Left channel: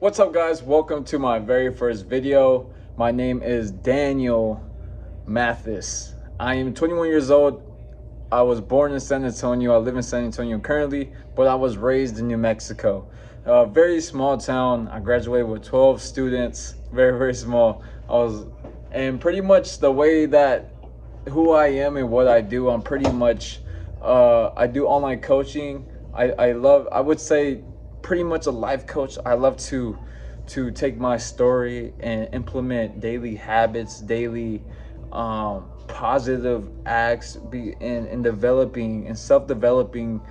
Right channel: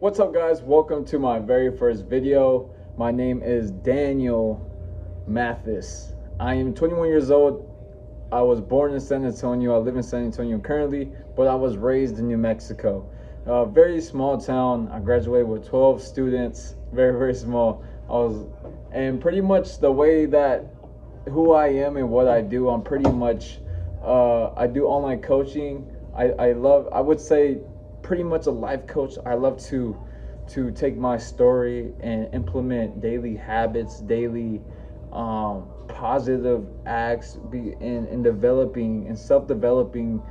What's up, guys? Welcome to my very first video. My name is Daniel Mathis. I am 21 years old. I was born in San Antonio. I live in San Antonio currently, but I was raised in New Mexico. A very small town. I graduated with 12 students. Very small. And pretty much the way that who I am and what I do, I'm pretty much, I do online coaching. I would say pretty much a life coach. I love to take my story and implement daily habits, daily positive acts, be in developing and self-developing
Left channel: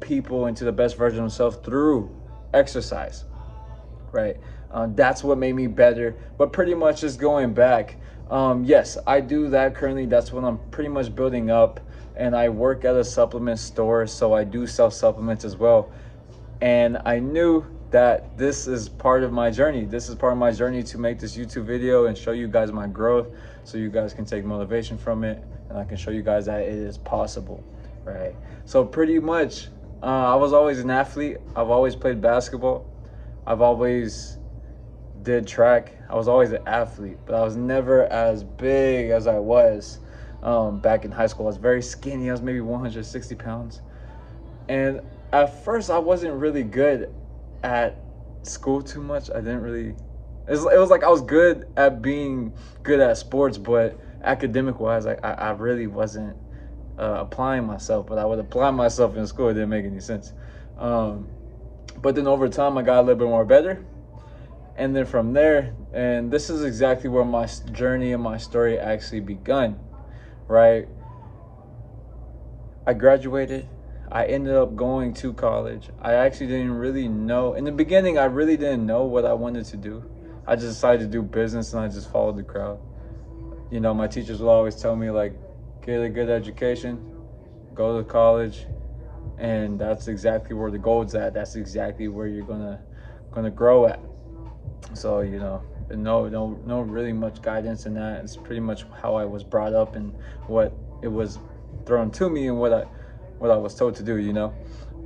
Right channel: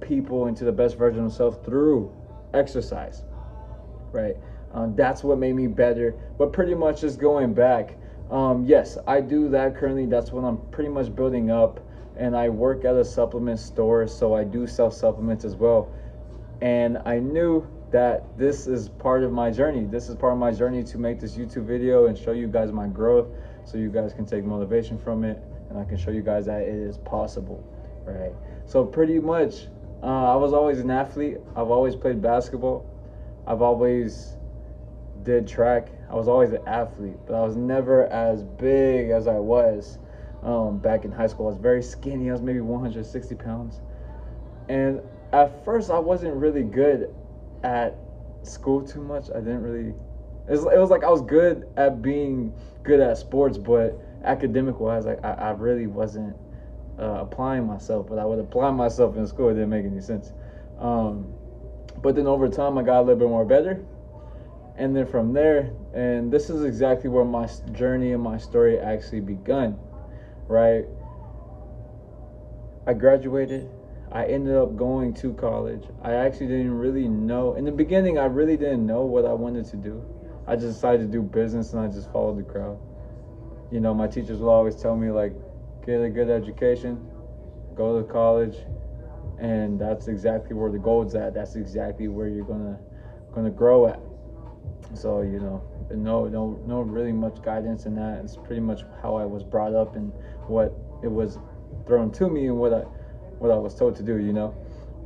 people into the best version of themselves through exercise, right? That's what made me better. But pretty much just going back, yes, I do that currently. That's what I'm pretty much building up. And I work at a supplement store, so I do sell supplements as well. And I knew that this is part of my journey. This is part of my journey to make this YouTube video and show you guys my growth, so you guys can take motivation from it, and I can show you guys that it is possible, right? So pretty much, I was always an athlete. I've always played basketball. I've always did track. I was always an athlete, but I was never as big as I was back in high school. I was very skinny. I was maybe 160 pounds. And at first, I wasn't really good at school too much. I didn't really, it was like I was good at being good at sports, but academic wise, like I really wasn't applying myself, but I would apply myself in school. It didn't make any sense. But then over time, I got a little bit more better. And then from there, and this is exactly where my journey and my story actually begun, right? I graduated. I ended up going to college. I actually didn't really know. In the beginning, I really didn't know what I wanted to do. I just decided to do business, and I just followed the crowd. You know, my teachers would always tell me, like, get a good education, go to college, and that's exactly where the gold's at. That's exactly where you're gonna grow at. So, you know, no really much guidance in that. It's pretty much how I was brought up and what it was thrown to me and what I was told to do, you know.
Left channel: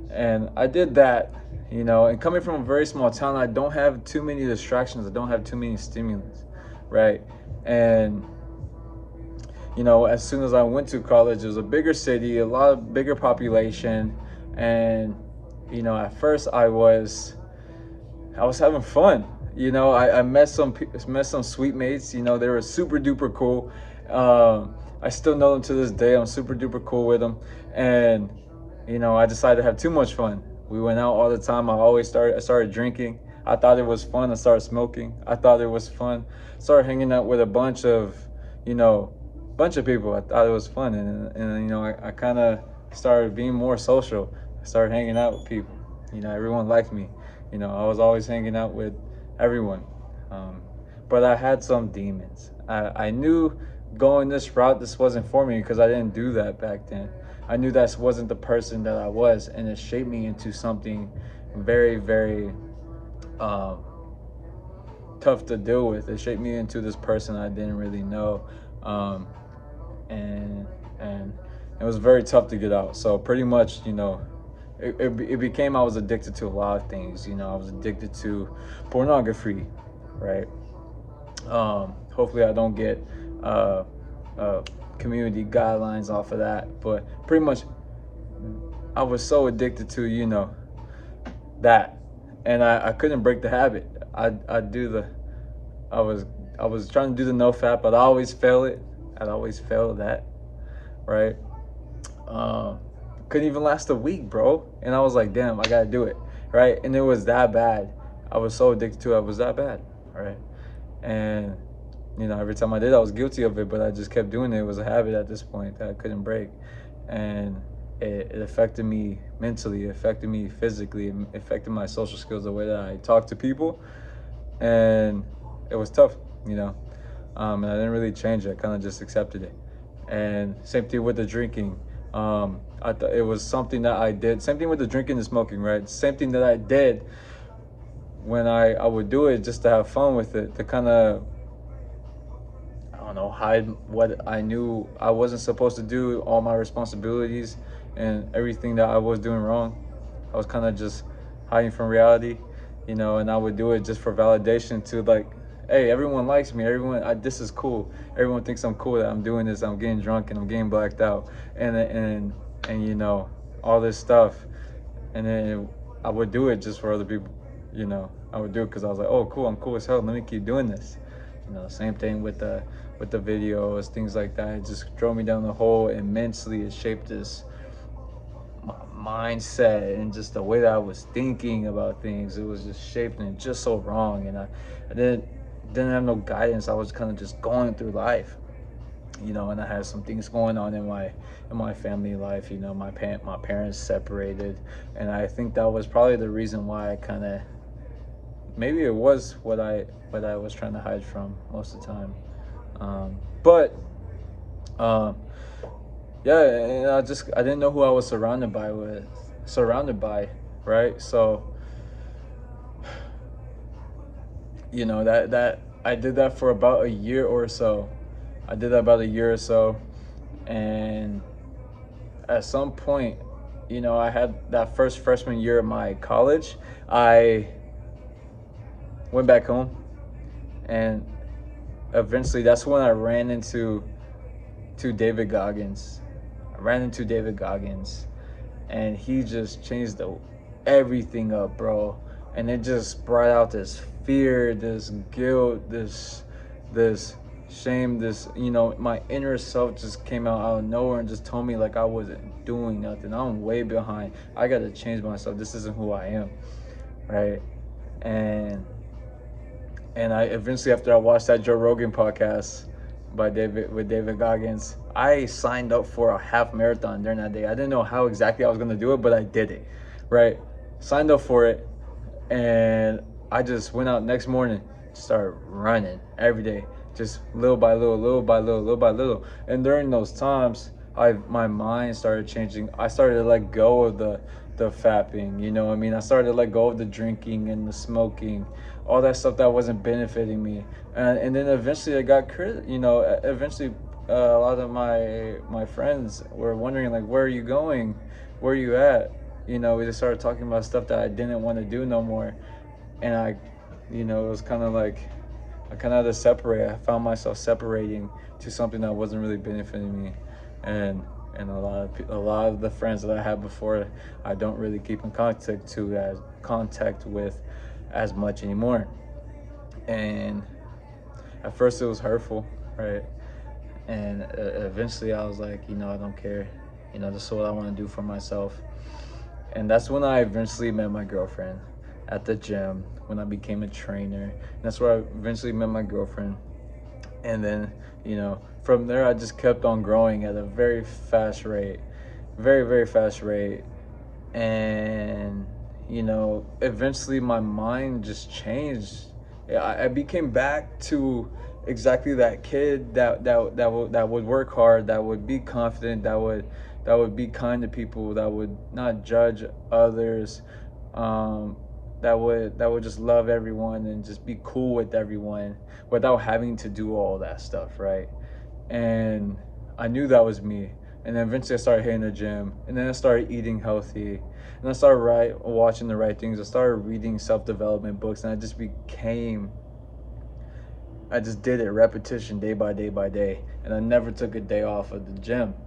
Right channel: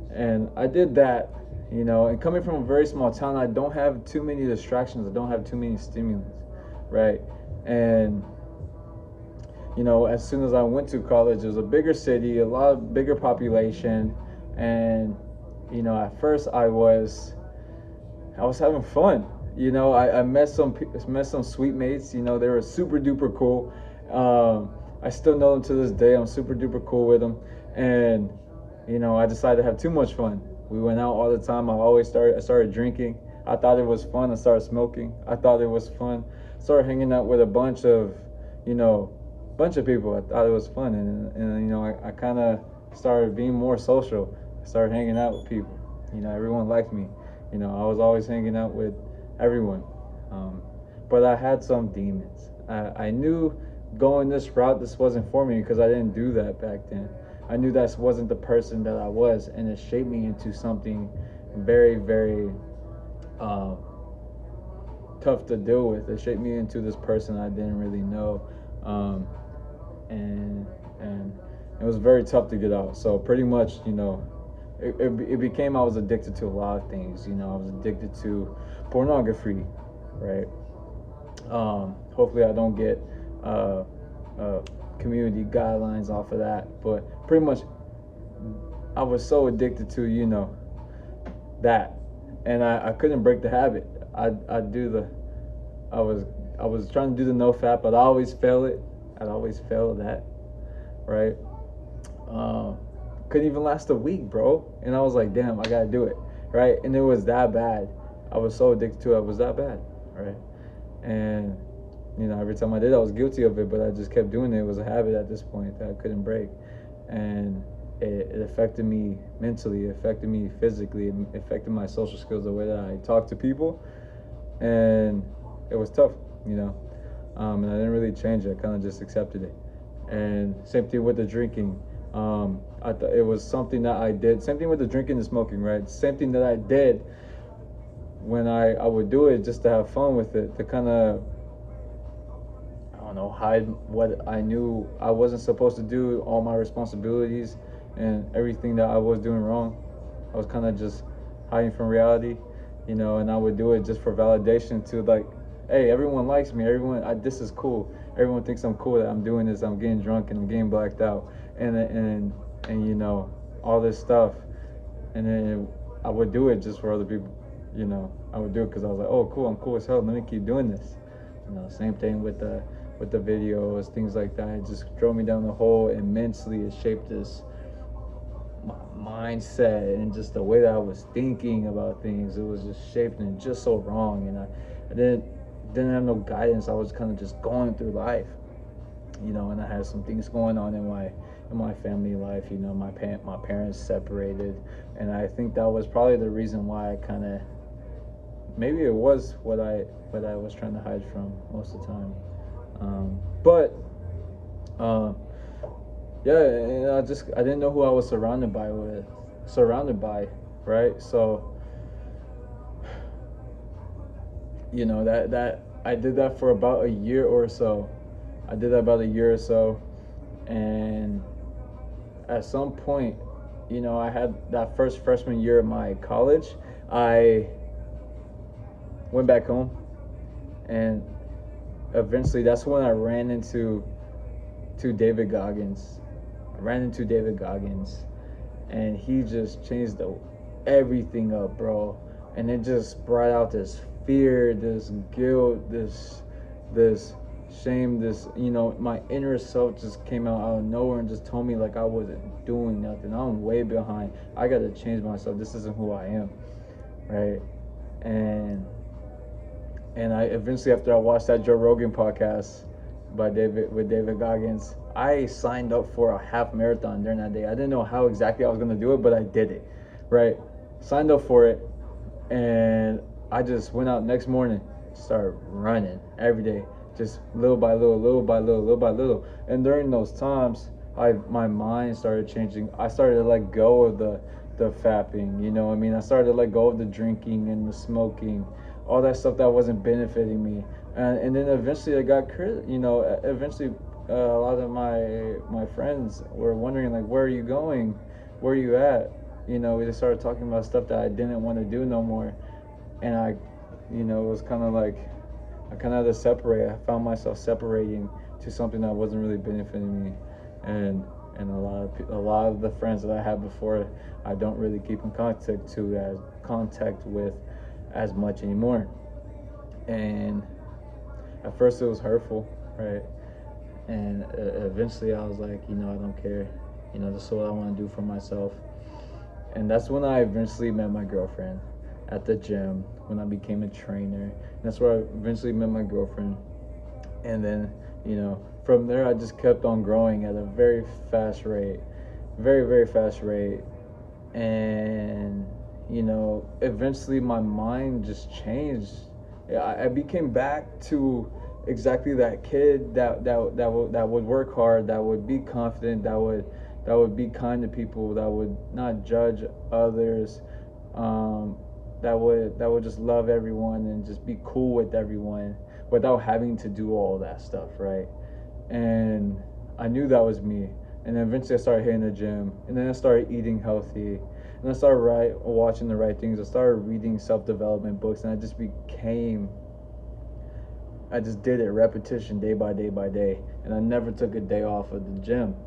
And I did that, you know. And coming from a very small town, I don't have too many distractions. I don't have too many stimulants, right? And you know, as soon as I went to college, it was a bigger city, a lot of bigger population, and you know, at first I was having fun. You know, I met some sweet mates. You know, they were super duper cool. I still know them to this day. I'm super duper cool with them. And you know, I decided to have too much fun. We went out all the time. I started drinking. I thought it was fun. I started smoking. I thought it was fun. Started hanging out with a bunch of, you know, bunch of people. I thought it was fun, and you know, I kind of started being more social. I started hanging out with people. You know, everyone liked me. You know, I was always hanging out with everyone. But I had some demons. I knew going this route, this wasn't for me, because I didn't do that back then. I knew that wasn't the person that I was, and it shaped me into something very tough to deal with. It shaped me into this person I didn't really know, and it was very tough to get out. So pretty much, you know, it became, I was addicted to a lot of things. You know, I was addicted to pornography, right? Hopefully I don't get community guidelines off of that, but pretty much I was so addicted to, you know, that, and I couldn't break the habit. I was trying to do the no fap, but I always fail it. I'd always fail that, right? Couldn't even last a week, bro. And I was like, damn, I gotta do it, right? And it was that bad. I was so addicted to it. It was that bad, right? And you know, every time I did, I was guilty of it, but I just kept doing it. It was a habit at this point that I couldn't break. And it affected me mentally, it affected me physically, it affected my social skills, the way that I talk to people. And it was tough, you know. And I didn't really change it. I kind of just accepted it. And same thing with the drinking. I thought it was something that I did. Same thing with the drinking and smoking, right? Same thing that I did when I would do it just to have fun with it, to kind of, I don't know, hide what I knew I wasn't supposed to do, all my responsibilities and everything that I was doing wrong. I was kind of just hiding from reality. you know, and I would do it just for validation to like, hey, everyone likes me. This is cool. Everyone thinks I'm cool that I'm doing this. I'm getting drunk and I'm getting blacked out, and you know, all this stuff, and then I would do it just for other people. You know, I would do it because I was like, oh, cool, I'm cool as hell. Let me keep doing this. You know, same thing with the videos, things like that. It just drove me down the hole immensely. It shaped this my mindset and just the way that I was thinking about things. It was just shaping it just so wrong, and I didn't have no guidance. I was kind of just going through life, you know, and I had some things going on in my family life. You know, my parents separated, and I think that was probably the reason why I kind of, maybe it was what I was trying to hide from most of the time. But yeah, and I didn't know who I was surrounded by, right? So, you know, that I did that for about a year or so. I did that about a year or so, and at some point, you know, I had that first freshman year of my college. I went back home, and eventually, that's when I ran into David Goggins. I ran into David Goggins, and he just changed everything up, bro. And it just brought out this fear, this guilt, this shame, this, you know, my inner self just came out of nowhere and just told me like I wasn't doing nothing. I'm way behind. I gotta change myself. This isn't who I am, right? And I eventually, after I watched that Joe Rogan podcast with David Goggins, I signed up for a half marathon during that day. I didn't know how exactly I was gonna do it, but I did it, right? Signed up for it, and I just went out next morning, started running every day, just little by little, little by little. And during those times, my mind started changing. I started to let go of the fapping, you know what I mean? I started to let go of the drinking and the smoking, all that stuff that wasn't benefiting me. And then eventually I got you know, eventually a lot of my friends were wondering like, where are you going? Where are you at? You know, we just started talking about stuff that I didn't want to do no more. And you know, it was kind of like, I kind of had to separate. I found myself separating to something that wasn't really benefiting me. And a lot of the friends that I had before, I don't really keep in contact with as much anymore. And at first it was hurtful, right? And eventually I was like, you know, I don't care. You know, this is what I want to do for myself. And that's when I eventually met my girlfriend at the gym, when I became a trainer. And that's where I eventually met my girlfriend. And then, you know, from there I just kept on growing at a very fast rate, very, very fast rate. And, you know, eventually my mind just changed. I became back to exactly that kid that would work hard, that would be confident, that would be kind to people, that would not judge others, that would just love everyone and just be cool with everyone without having to do all that stuff, right? And I knew that was me. And then eventually I started hitting the gym, and then I started eating healthy, and I started watching the right things. I started reading self-development books, and I just did it, repetition, day by day by day. And I never took a day off of the gym.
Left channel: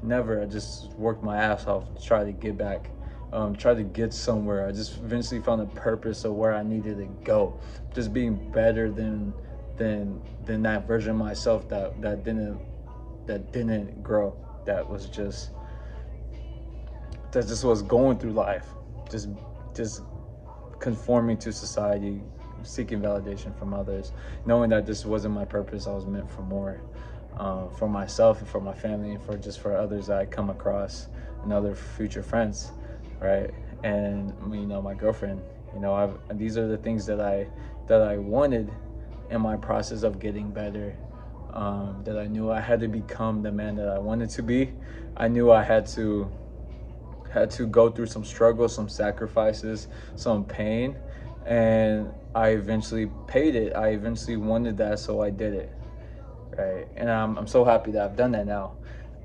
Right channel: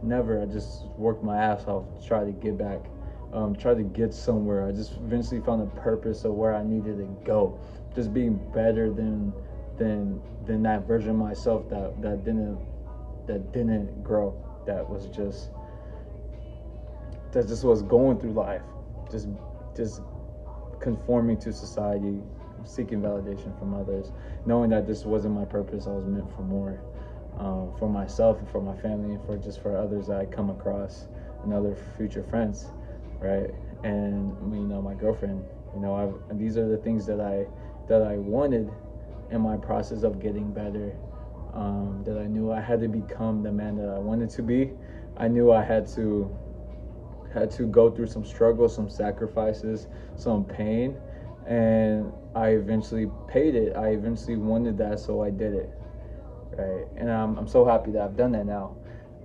Never. I just worked my ass off to try to get back, try to get somewhere. I just eventually found a purpose of where I needed to go. Just being better than that version of myself that didn't grow. That just was going through life, just just conforming to society, seeking validation from others, knowing that this wasn't my purpose. I was meant for more, for myself and for my family, and for others that I come across and other future friends, right? And you know, my girlfriend. You know, these are the things that I wanted in my process of getting better. That I knew I had to become the man that I wanted to be. I knew I had to go through some struggles, some sacrifices, some pain, and I eventually paid it. I eventually wanted that, so I did it, right? And I'm so happy that I've done that now.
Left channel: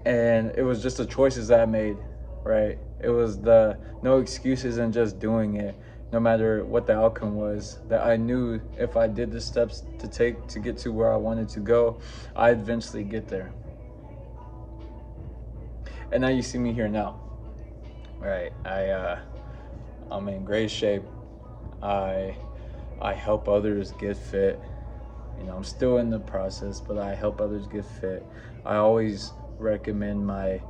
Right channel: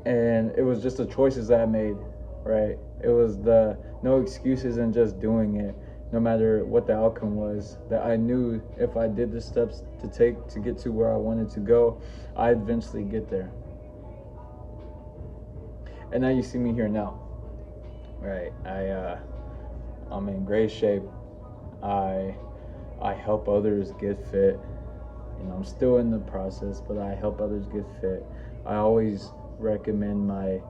And it was just the choices that I made, right? It was the no excuses and just doing it. no matter what the outcome was, that I knew if I did the steps to take to get to where I wanted to go, I'd eventually get there. And now you see me here now, right? I'm in great shape. I help others get fit. You know, I'm still in the process, but I help others get fit. I always recommend my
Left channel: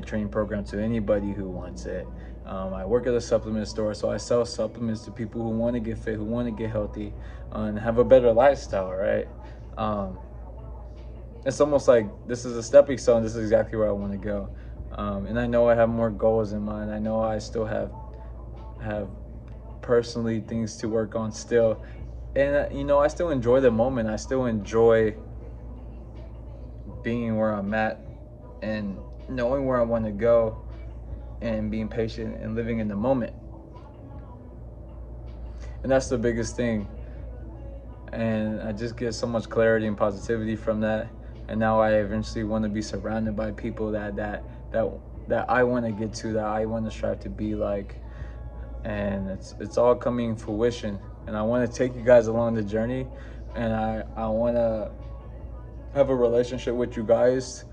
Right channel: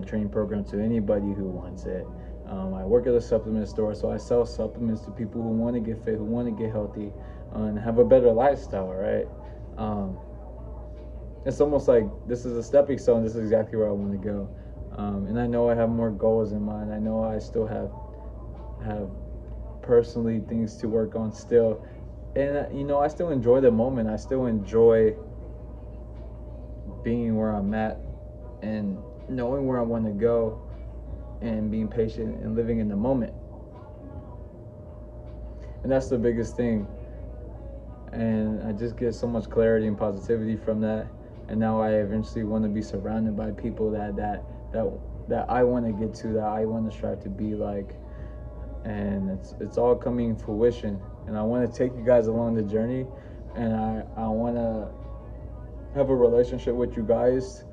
training program to anybody who wants it. I work at a supplement store, so I sell supplements to people who want to get fit, who want to get healthy, and have a better lifestyle, right? It's almost like this is a stepping stone. This is exactly where I want to go. And I know I have more goals in mind. I know I still have personally things to work on still. And you know, I still enjoy the moment. I still enjoy being where I'm at and knowing where I want to go and being patient and living in the moment. And that's the biggest thing. And I just get so much clarity and positivity from that. And now I eventually want to be surrounded by people that I want to get to, that I want to strive to be like. And it's all coming to fruition. And I want to take you guys along the journey, and I want to have a relationship with you guys,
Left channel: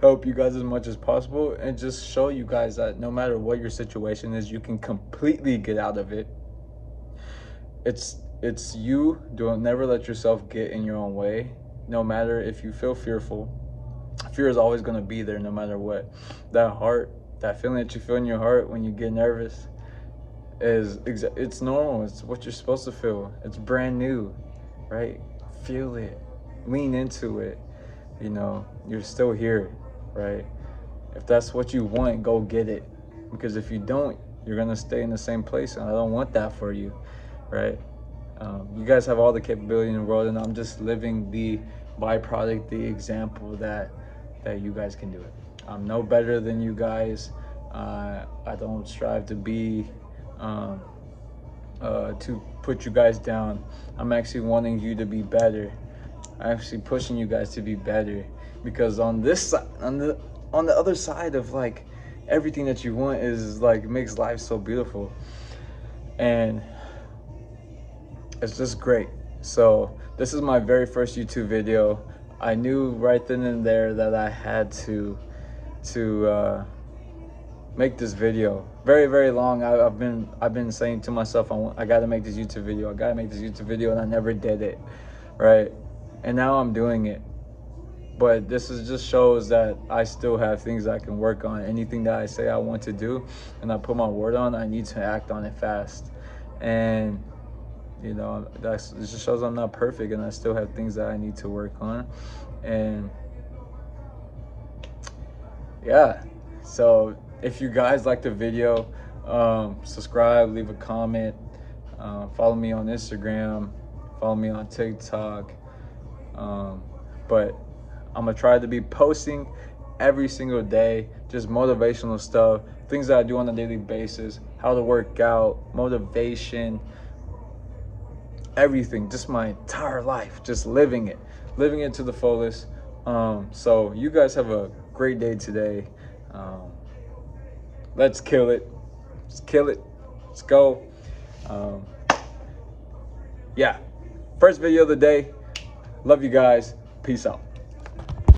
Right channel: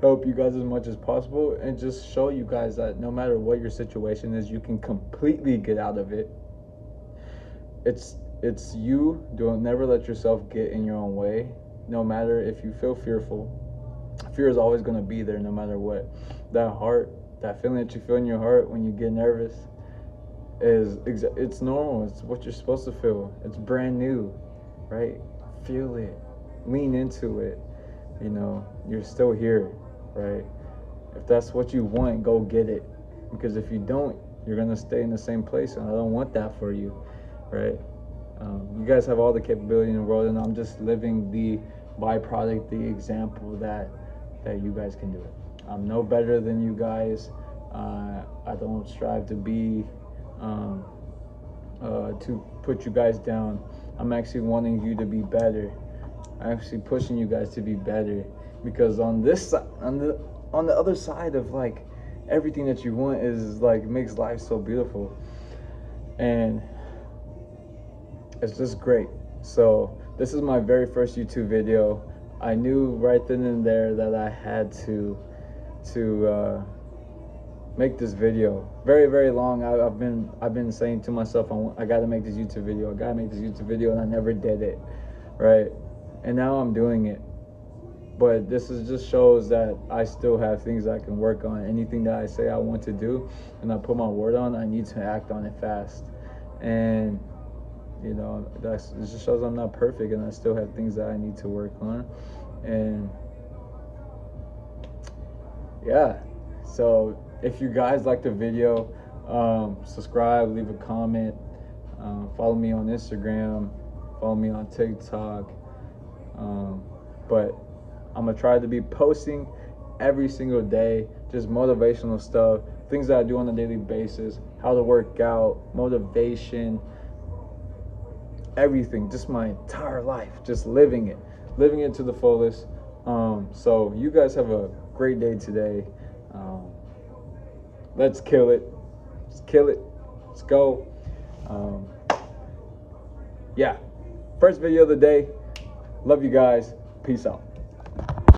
help you guys as much as possible, and just show you guys that no matter what your situation is, you can completely get out of it. It's you. Don't never let yourself get in your own way. No matter if you feel fearful, fear is always going to be there no matter what. That feeling that you feel in your heart when you get nervous, it's normal. It's what you're supposed to feel. It's brand new, right? Feel it, lean into it. You know, you're still here, right? If that's what you want, go get it, because if you don't, you're gonna stay in the same place, and I don't want that for you, right? You guys have all the capability in the world, and I'm just living the byproduct, the example that you guys can do it. I'm no better than you guys. I don't strive to be to put you guys down. I'm actually wanting you to be better. I'm actually pushing you guys to be better, because on this side, on the other side of like everything that you want is like makes life so beautiful, and it's just great. So this is my very first YouTube video. I knew right then and there that I had to make this video. Very, very long. I've been saying to myself, I gotta make this YouTube video. I gotta make this YouTube video, and I never did it, right? And now I'm doing it. But this just shows that I still have things I can work on. Anything that I say I want to do and I put my word on, I need to act on it fast. And you know, it just shows I'm not perfect, and I still have things that I need to work on. And yeah, so if you guys like the video, subscribe, leave a comment, follow me on Instagram, follow me on TikTok. But I'm gonna try to be posting every single day, just motivational stuff, things that I do on a daily basis, how to work out, motivation, everything, just my entire life, just living it to the fullest. So you guys have a great day today. Let's kill it. Let's kill it. Let's go. Yeah, first video of the day. Love you guys. Peace out.